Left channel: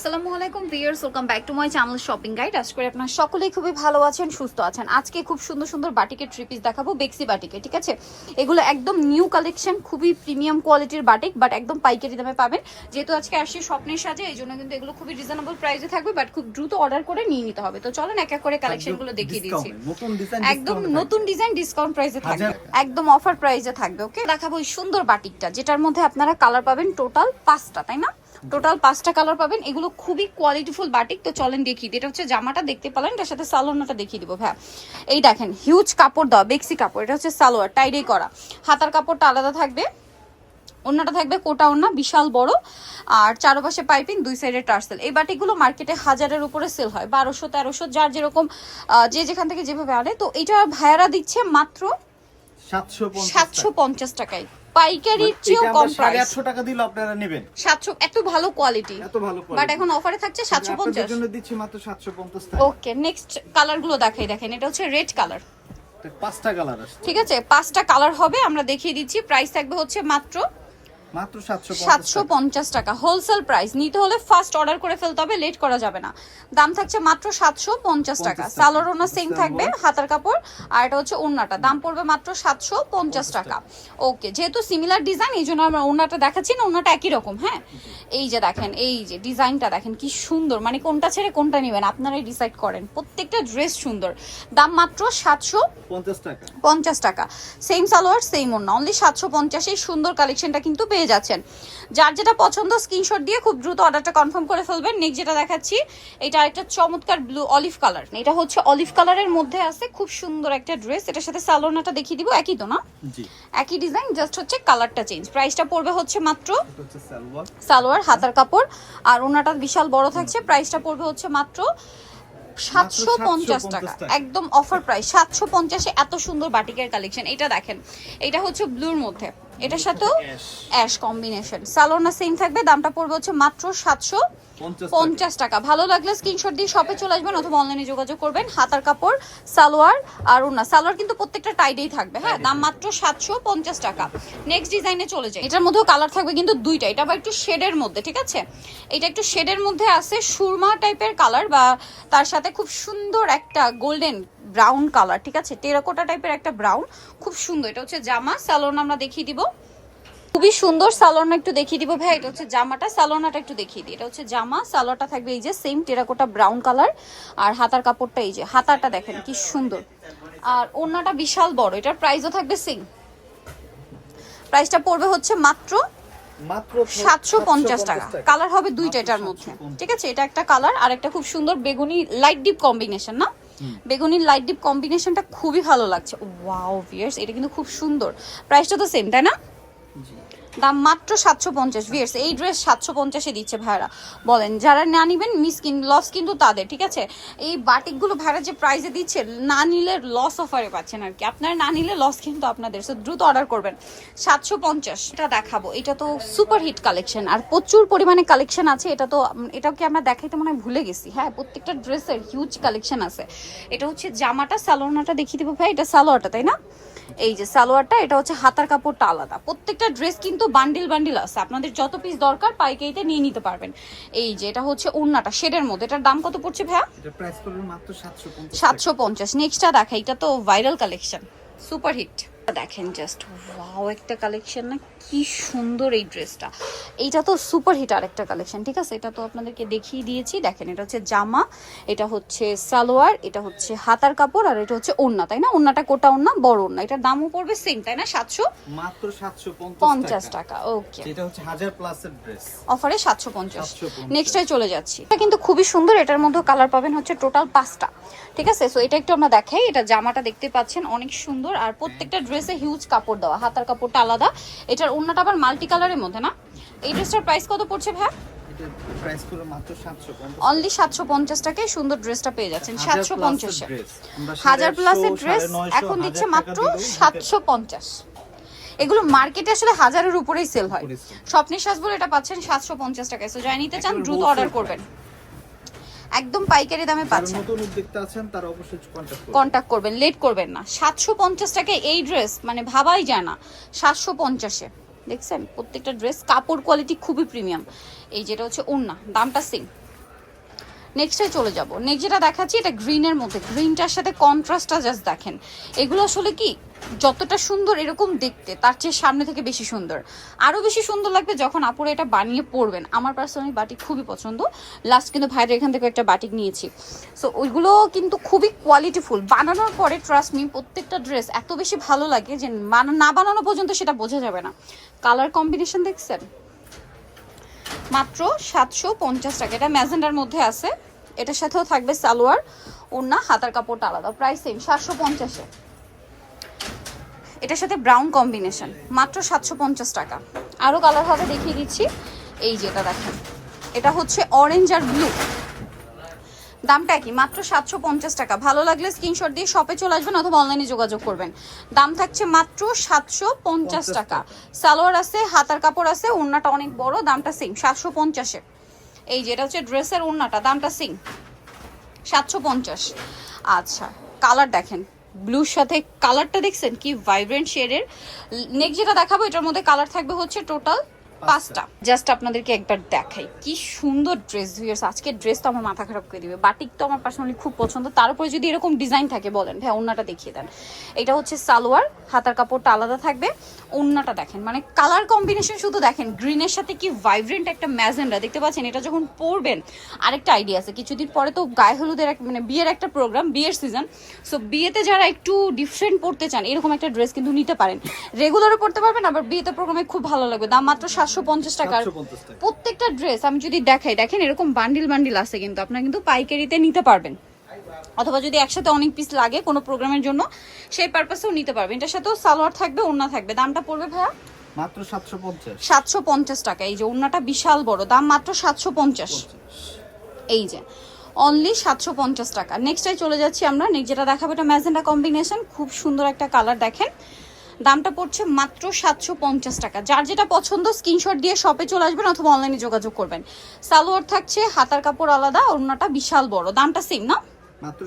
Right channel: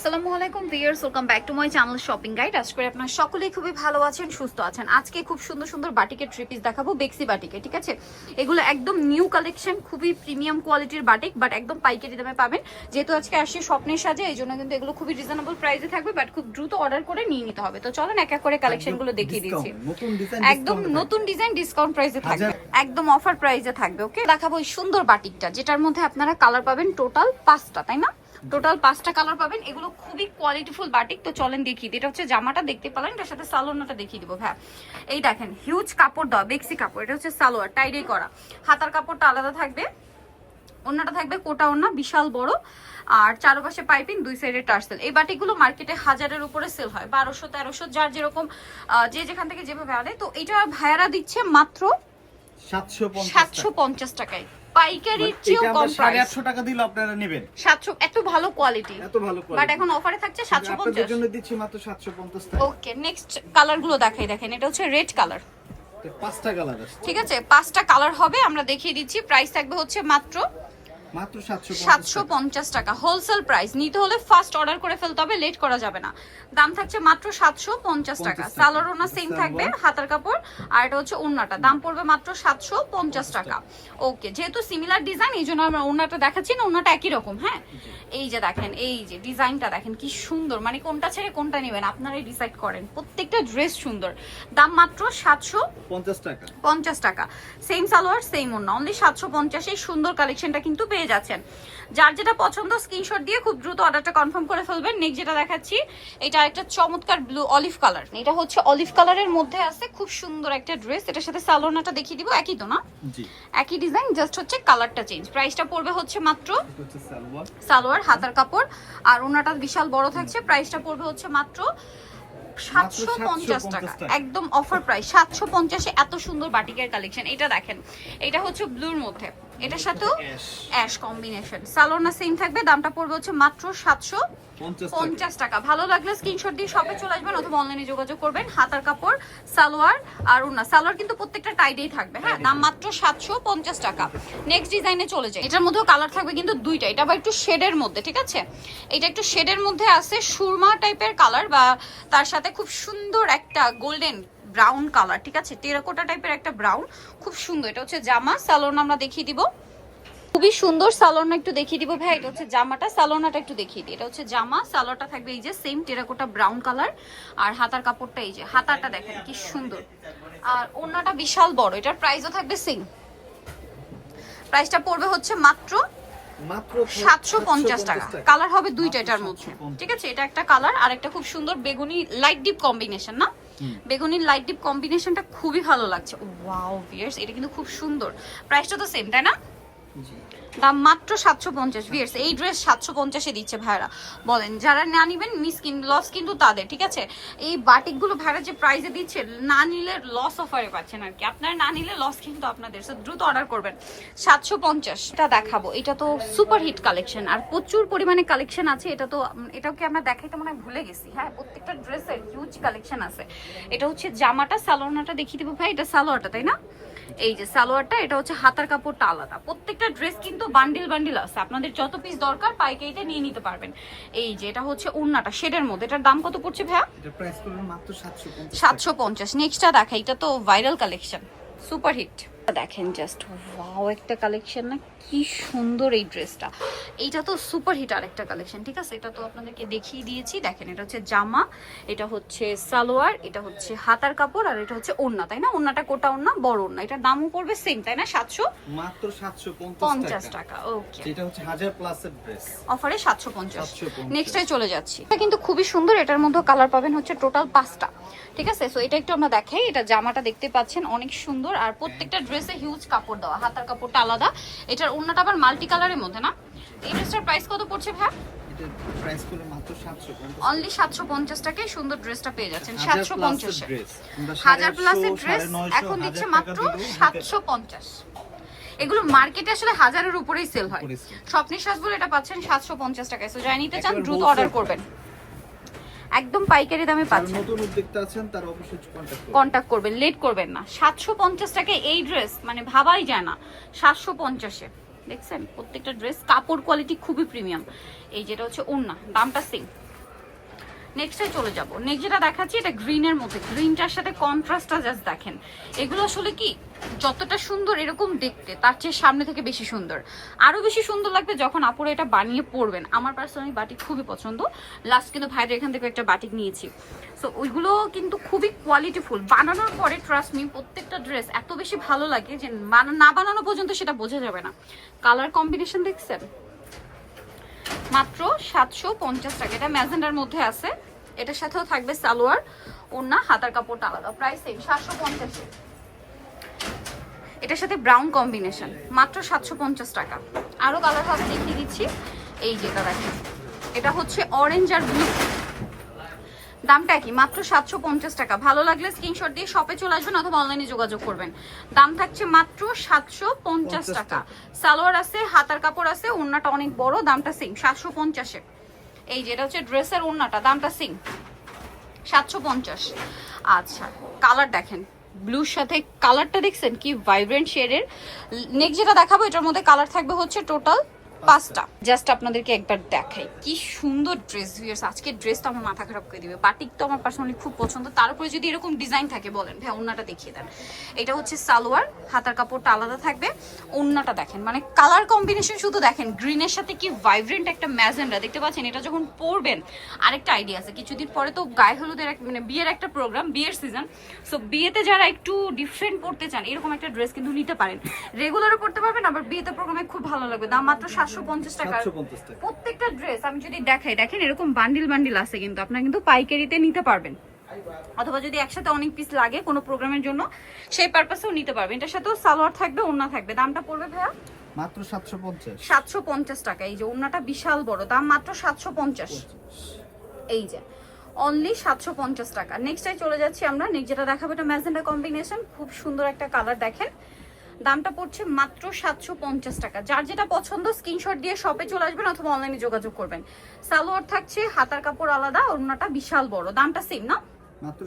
আসসালামু আলাইকুম viewers welcome back to my channel shopping guide. করে আপনারা সকলেই খুবই ভালো আছেন সুস্থ আছেন। আজকে খুব সুন্দর সুন্দর বাটিকের থ্রি পিস দেখাবো বেক্সি বাটিকে ঠিক আছে? এগুলো একদম নিউ কালেকশন খুবই প্রিমিয়াম কোয়ালিটির বাটিক বাট একদম পাইকারি দামে পাবেন। যেহেতু আজকে আসছে স্বপ্নের সাজে এই জন্য কিন্তু এগুলো খুবই রিজনেবল প্রাইসে থাকবে বাট খুব দ্রুত অর্ডার করে নিয়ে নিতে হবে। তো চলেন এক এক করে কালেকশনগুলো দেখিয়ে দিচ্ছি। একদম নতুন ডিজাইন ডিসকাউন্ট প্রাইসে থাকবে। একদম অফার প্রাইসে থাকবে ওকে দেখাবো এই সুন্দর বাটিকটা যেটার মধ্যে আপনারা কালার পাবেন টোটাল পাঁচটা তাই না? টোটাল পাঁচটা কালার পাবেন। এগুলো খুবই কোয়ালিটিফুল বাটিক তো চলেন দেখি। এটা হচ্ছে জামাটা দেখতে পেলেন? এটার সাথে সালোয়ারটা দেখিয়ে দিব ভাই এই দেখেন হিউজ কাপড় দেওয়া বেক্সি কাপড়। এটা হচ্ছে সালোয়ার টাইডে করা। হাতার কাপড়টা আলাদা থাকবে। অন্যটা থাকবে কোটা ওন্না বিশাল বড়। আর চারপাশে পাইপিং দুই সাইডে টার্সেল। এই বাটিকগুলো মার্কেটে হাজারের উপরে সেল হয় বারোশো তেরোশো যার যেরকম যে যেখান থেকে যেভাবে আনে। তো এটা ভাইয়ারা দিচ্ছে মাত্র সাতশো পঞ্চাশ টাকায়। পাইকারির চেয়েও কম প্রাইস টাকা দিলে আপনারা নেবেন। সাতশো এত ভালো কোয়ালিটি এত ভালো বাট এখন অফারে থাকছে সাতশো আপনাদের পঞ্চাশ। জন্য দিচ্ছি মাত্র সাতশো পঞ্চাশ টাকা। ওকে নেক্সট কালারগুলো দেখাই দেখেন। এটা হচ্ছে রেড কালার পাঁচটা কালার আছে। ঠিক আছে? পাঁচটা কালার হবে আমরা দেখিয়ে দিচ্ছি। প্রাইস থাকবে হচ্ছে মাত্র মাত্র সাতশো সাতশো পঞ্চাশ টাকা। হোলসেল প্রাইস নিতে হলে ফার্স্ট অর্ডার করে ফেলতে হবে লেট করা যাবে না। দাম থাকছে মাত্র সাতশো পঞ্চাশ টাকা। 50 সালোয়ার ওনা সেম থাকবে হাতার কাপড় আর এটা হচ্ছে দাম পড়বে মাত্র সাতশো পঞ্চাশ টাকা। ওকে যেহেতু সিমিলার ডিজাইন এই জন্য আমরা দেখাচ্ছি না একই রকম হ্যাঁ? এই যে দেখেন এই যে ডিজাইনটা দেখেন কি সুন্দর। মানে কোনটা ছেড়ে কোনটা নেবেন আপনারাই ডিসাইড করেন। প্রত্যেকটা ড্রেস সুন্দর। দাম মাত্র সাতশো পঞ্চাশ টাকা। সেম সালোয়ার সেম ওড়না। অনলি সাতশো পঞ্চাশে সুন্দর কালেকশনটা কিন্তু পেয়ে যাচ্ছেন। যার যেটা পছন্দ স্ক্রিনশট দিয়ে খুব দ্রুত অর্ডারটা কনফার্ম করে ফেলবেন। নেক্সট যেটা দেখাচ্ছি এটা একটা চমৎকার ব্লু অলিভ কালার এটা হচ্ছে অলিভ কালারের মধ্যে আছে খুব সুন্দর একটা ড্রেস এটার সাথে সালোয়ারটা দেখিয়ে দিব একই তো না? জি। একই ডিজাইন জাস্ট হচ্ছে কালারটা চেঞ্জ প্রাইসটা পড়বে হচ্ছে মাত্র এটা হচ্ছে সালোয়ার। সালোয়ার হাতার কাপড়। আর ওনাটা বিশাল বড় থাকছে। প্রাইসটা পড়বে হচ্ছে মাত্র সাতশো পঞ্চাশ টাকা। টাকা। একদম অফার প্রাইস সাতশো পঞ্চাশে এত সুন্দর বাটিকের কালেকশন এটা দেখেন এটা হচ্ছে ব্লুর মধ্যে। এটার সাথেও অ্যাশ কম্বিনেশন সালোনা সেম থাকবে দামটা পড়বে হচ্ছে মাত্র সাতশো পঞ্চাশ টাকা। ভালো লাগলে স্ক্রিনশট দিয়ে শপে চলে আসবেন অথবা অনলাইনে যোগাযোগ করবেন। হাতার কাপড় সালোয়ার আর ওনা সালোয়ার কিন্তু প্রত্যেকটা টাইডেই থাকবে হ্যাঁ? দাম মাত্র সাতশো পঞ্চাশ টাকা। নেক্সট ডিজাইনে চলে যায় এটার মধ্যেও কালার থাকবে কিন্তু দুইটা। এটা আবার একটু শেডের মধ্যে ঠিক আছে? এটা একটু শেডের মধ্যে আছে সুরমা টাইপের কালার বা তার সাথে খুব সুন্দর একটা গোল্ডেন ব্রাউন কালার ঠিক আছে? টেরাকোটা টাইপের একটা ব্রাউন খুব সুন্দর। এটা হচ্ছে জামা সালোন আমরা দেখিয়ে দিব। খুবই সুন্দর সালোনা একটু দেখিয়ে দিব ভাই এটা হচ্ছে জামাটা সালোনাটা একটু দেখিয়ে দিই। এটা হচ্ছে জামা সালোয়ারটা থাকবে এই যে সেম টেরাকোটা ব্রাউন কালার আর হাতার কাপড়টা এই যে হাতারটা দেখেন কি সুন্দর। আর ওড়নাটা বিশাল বড় এটার প্রাইসও থাকবে সেম প্রাইসটা পড়বে হচ্ছে মাত্র সাতশো পঞ্চাশ টাকা। কালার হবে দুইটা এটার মধ্যে। ঠিক আছে? এটা একটা কালার আর একটা খুব সুন্দর বেগুনি লাইট ডিপ কম্বিনেশন না? বেগুনির লাইট ডিপ কম্বিনেশনটা খুবই ভালো লাগছে। ওয়াও ভিয়ার্স এটা কিন্তু খুব সুন্দর। প্রাইসটা তো সেম তাই না? জি। দাম মাত্র সাতশো পঞ্চাশ ভিয়ার্স এই ড্রেস সাতশো পঞ্চাশে দিচ্ছে ভাইরা বলেন, যারা না নিবেন মিস কিন লস কিন্তু তাদের, ঠিক আছে? এই বাটিকগুলো ভাইরা যে প্রাইসে দিচ্ছে, না নিলে লস অফারে পাচ্ছেন আর কি। আপনারা না নিলে লস কিন্তু আপনাদের সো দ্রুত অর্ডার করবেন। সাতশো পঞ্চাশ। এটা দেখাবো। এটা তো সুপার হিট কালেকশন আর প্রচুর পরিমাণে কালেকশন আছে। এটা তো এটাও কি আমরা দেখাইতে মনে হয় ভুলে গেছি? হ্যাঁ প্রত্যেকটা ড্রেসের হিউজ কালেকশন আছে। এটা হচ্ছে জামাটা, সালোয়ারটা, দেখিয়ে দেবো ভাই, এটা সালোয়ারটা, তাই না? এই যে সালোয়ারটা এটা হচ্ছে হাতার কাপড়টা আলাদা। প্রত্যেকটা ড্রেস কিন্তু বান্ডিল বান্ডিল আছে। আপনাদের যত পিস দরকার পাইকারিতে নিয়ে নিতে পারবেন। এই যে এটা হচ্ছে ওড়নাটা শেডের মধ্যে। এটার দাম কত পড়ছে ভাইয়া? সাতশো পঞ্চাশ নেক্সটটা দেখা এটা তো ভাইরাল কালেকশন সুপার হিট দেখেন জাস্ট ওয়াও একটা কালেকশন না কি সুন্দর এই ড্রেসটা এইটা তো সুপার হিট আর একটা কালেকশন ঠিক আছে? এটা তো আপনাদেরকে দেখিয়ে দিয়েছি। দেখেন এটা হচ্ছে জামা এটা হচ্ছে সালোয়ার এটা হচ্ছে হাতার কাপড় আর এটা হচ্ছে ওড়না তাই না? ওড়নাটা কোটা ওড়না বড় ওড়না। এটার দামও পড়বে সেম তাই না? সাতশো? মাত্র সাতশো পঞ্চাশ টাকা। ওকে এটা হচ্ছে হাজার প্লাসের ড্রেস অফারে সাতশো পঞ্চাশ। 750 নেক্সটটাই চলে যাচ্ছি। এটা কিন্তু খুবই সুন্দর এটার মধ্যে কালার পাবেন হচ্ছে টোটাল পাঁচটা ঠিক আছে? সো এটা একটু আমরা দেখাই। এটা জামাটা দেখতে পাচ্ছেন অনেক সুন্দর আর প্রত্যেকটা ড্রেসে হিউজ কাপড় দেওয়া হাতার কাপড়টা আলাদা। এটার ওড়নাটা আবার মাল্টি কালারের মধ্যে না? এই ড্রেসটার প্রাইস কত পড়ছে ভাই? অনলি সাতশো পঞ্চাশ। টাকায় সুন্দর ড্রেসটা পেয়ে যাচ্ছেন সাতশো পঞ্চাশে। হাজার 850, প্লাসের ড্রেস এখন দিচ্ছে মাত্র সাতশো পঞ্চাশ। এগুলো মার্কেটে আসলে হাজারের উপরেই সেল হয়। স্বপ্নের সাজবুল এটা পাচ্ছেন সাতশো পঞ্চাশ টাকায়। সো যাই নিতে চান দ্রুত অর্ডার করবেন। একদম পাইকারি দামে পাচ্ছেন। নতুন উদ্যোক্তা আছেন তারা অবশ্যই কন্টাক্ট করুন কন্টাক্ট করবেন লেট করবেন না। সাতশো পঞ্চাশ টাকায় এই ড্রেস মানে ভাবাই যায় না। 750 এ দেখছেন? প্রত্যেকটা ড্রেস কাপড় কোয়ালিটি খুবই প্রিমিয়াম এই যেটা হচ্ছে ওন্না দামটা সেম নেক্সটে চলে যাব। নেক্সট যেটা দেখাচ্ছি, এটা গ্রিনের মধ্যে। গ্রিনটার সাথে কন্ট্রাস্টটা জাস্ট দেখেন। এগুলো আসলে কি, যতটা সুন্দর এরকম দেখতে, তার চেয়ে সামনে থেকে বেশি সুন্দর। আরও বেশি সুন্দর লাগবে যখন আপুরা এটা বানিয়ে পরবেন। আমার পার্সোনালি বাটিক খুবই পছন্দ। লাস্ট কিন্তু ভাইদের এখান থেকে একটা বাটিক নিয়েছি। সো ওইগুলো কিন্তু খুবই কোয়ালিটিফুল বানানোর পরে ট্রাস্ট মি প্রত্যেকটা ড্রেস এত বেশি ভালো লাগে যে না বানানো পর্যন্ত সেটা বোঝা যাবে না। কালার কম্বিনেশন দেখছেন? মাত্র সাতশো পঞ্চাশ টাকা। এটা ম্যাজেন্ডার মধ্যে আছে। এটার সাথেও থাকবে সালোয়ার, ওড়না, হাতার কাপড়টা আলাদা। প্রাইস সেম সাতশো পঞ্চাশে এটার সাথে ব্রাউন কম্বিনেশন মাত্র সাতশো পঞ্চাশ টাকা। আরও কালার হবে দেখিয়ে দিচ্ছি। এই যেটা দেখেন। এটা হচ্ছে অরেঞ্জ আর ব্লু দামটা কি মাত্র সাতশো পঞ্চাশ টাকা। ভালো লাগলে স্ক্রিনশট দিয়ে শপে চলে আসবেন অথবা অনলাইনে যোগাযোগ করবেন। দাম থাকছে মাত্র সাতশো পঞ্চাশ টাকা। সালোয়ার আছে হাতার কাপড় আছে ওড়নাটা অনেক বড় দামটা সেম সাতশো পঞ্চাশে। এই যে এটা হচ্ছে ড্রেসের ওড়নাটা দামটা সেম সাতশো পঞ্চাশ। আচ্ছা কালার দেখেন। ব্লুর সাথে কালারটা দেখছেন? কি ভাইব্রেন্ট শেডের নেক্সট যেটা দেখাবো এটার মধ্যে কালার থাকবে হচ্ছে টোটাল পাঁচটা জাস্ট আপনাদেরকে একবার দেখাই। কি সুন্দর ড্রেস ভিউয়ার্স আজকে ড্রেসটা আমার মাথা খারাপ করে দিবে। বাটিক তো আমার পার্সোনালি খুব পছন্দ। তার উপরে যদি এরকম ডিজাইন থাকে, বলেন। ভাই ওন্নাটা দেখিয়ে দেন। এটা হচ্ছে সালোয়ার। হাতার কাপড়টা আলাদা থাকবে। ওন্নাটা দেখেন। মানে কালার কম্বিনেশন শুধু দেখেন। গ্রিনের সাথে কি ভাইব্রেন্ট একটা ম্যাজেন্ডা? দেখতে পাচ্ছেন? এটা যখন পরবেন, আরেকটা আইডিয়া আছে। কিছুদিন পরে তো গায়ে হলুদের এক মানে বিয়ের একটা প্রোগ্রাম বিয়ের সিজন সো বিয়েতে যারা একটু ডিফারেন্ট পড়তে চান, এরকম একটা ড্রেস কিন্তু নিতে পারেন। রেগুলারও পড়তে পারবেন, আবার বিয়েতে প্রোগ্রামে খুব ভালো লাগবে। দাম মাত্র সাতশো সাতশো পঞ্চাশ টাকা। প্রত্যেকটা ড্রেস আমি যদি দেখাই দেখেন এরকম বান্ডিল বান্ডিল আছে কিন্তু আপনারা কিন্তু পাইকারিতে নিতে পারবেন। অথবা যদি একসাথে অনেক পিস লাগে কোনো প্রোগ্রামের জন্য সেই পারপাসেও নিতে পারবেন। এটার সাথেও সালোয়ার থাকবে ওড়না থাকবে। দামটা পড়বে ভাইয়া? মাত্র সাতশো পঞ্চাশ। সাতশো পঞ্চাশ টাকা। এই যে ওড়নাটা বিশাল বড় দাম মাত্র সাতশো পঞ্চাশ। এই যে অনলি সাতশো পঞ্চাশ টাকা। নেক্সটাই চলে যাচ্ছি আমরা। নেক্সট যেটা দেখাবো এটা ম্যাজেন্ডা কম্বিনেশন খুব সুন্দর একটা কালার দেখেন। দামটা পড়ছে মাত্র সাতশো পঞ্চাশ টাকা। যার যেটা পছন্দ স্ক্রিনশট দিয়ে শপে চলে আসবেন অথবা অনলাইনে যোগাযোগ করবেন। সালোয়ার থাকছে হাতার কাপড় আলাদা অন্যটা বিশাল বড়। দামটা সেম না? মাত্র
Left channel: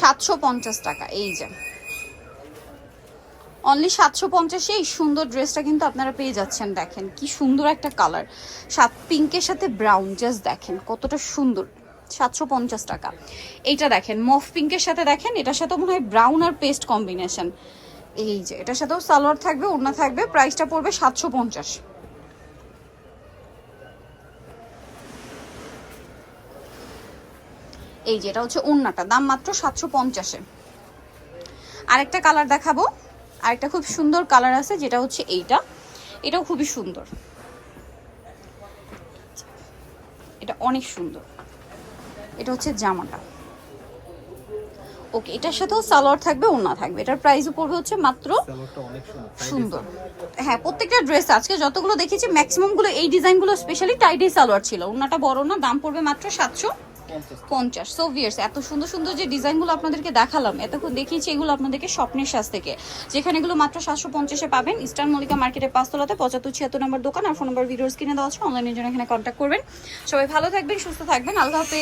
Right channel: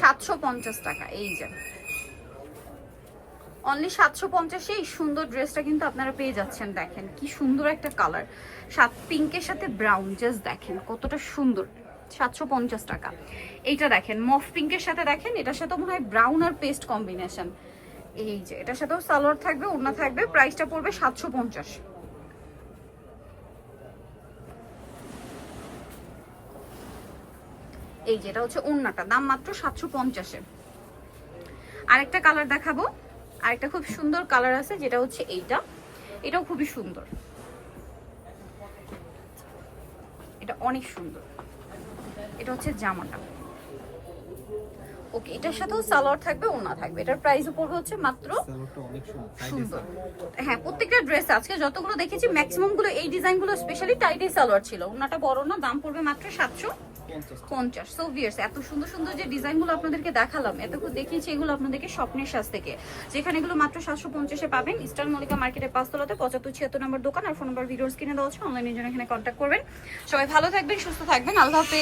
সাতশো পঞ্চাশ টাকা। এই যে। অনলি সাতশো পঞ্চাশে এই সুন্দর ড্রেসটা কিন্তু আপনারা পেয়ে যাচ্ছেন দেখেন। কি সুন্দর একটা কালার সাত পিঙ্কের সাথে ব্রাউন জাস্ট দেখেন কতটা সুন্দর। সাতশো পঞ্চাশ টাকা। এইটা দেখেন মফ পিঙ্কের সাথে দেখেন এটার সাথে মনে হয় ব্রাউন আর পেস্ট কম্বিনেশন এই যে, এটার সাথেও সালোয়ার থাকবে, ওড়না থাকবে প্রাইসটা পড়বে সাতশো পঞ্চাশ। এই যে, এটা হচ্ছে ওড়নাটা, দাম মাত্র সাতশো পঞ্চাশে। আরেকটা কালার দেখাবো, আরেকটা খুব সুন্দর কালার আছে, যেটা হচ্ছে এইটা। এটাও খুবই সুন্দর। এটা অনেক সুন্দর। এটা হচ্ছে জামাটা। ওকে এটার সাথেও সালোয়ার থাকবে ওনা থাকবে। এটার প্রাইসও পড়বে হচ্ছে মাত্র সুন্দর হ্যাঁ প্রত্যেকটা ড্রেস আজকে যতগুলো দেখেছি ম্যাক্সিমামগুলো এই ডিজাইনগুলো স্পেশালি টাইডি সালোয়ার ছিল। ওনাটা বড় না দাম পড়বে মাত্র সাতশো পঞ্চাশ। সো ভিয়ার্স এত সুন্দর সুন্দর যে ডিজাইনগুলো আপনাদেরকে দেখালাম এতক্ষণ দেখিয়েছি এগুলো আপনাদেরকে স্বপ্নের সাজ থেকে। যেখানে এগুলো মাত্র সাতশো পঞ্চাশে পাবেন ইস্টার্ন মল্লিকা মার্কেটের পাঁচতলাতে পঁচাত্তর ছিয়াত্তর নম্বর দোকান আর ফোন নম্বর ভিডিওস কিনে দেওয়া আছে অনলাইনের জন্য এখানে কন্ট্যাক্ট করবেন। সবাই ভালো থাকবেন সুস্থ থাকবেন আল্লাহ হাফেজ।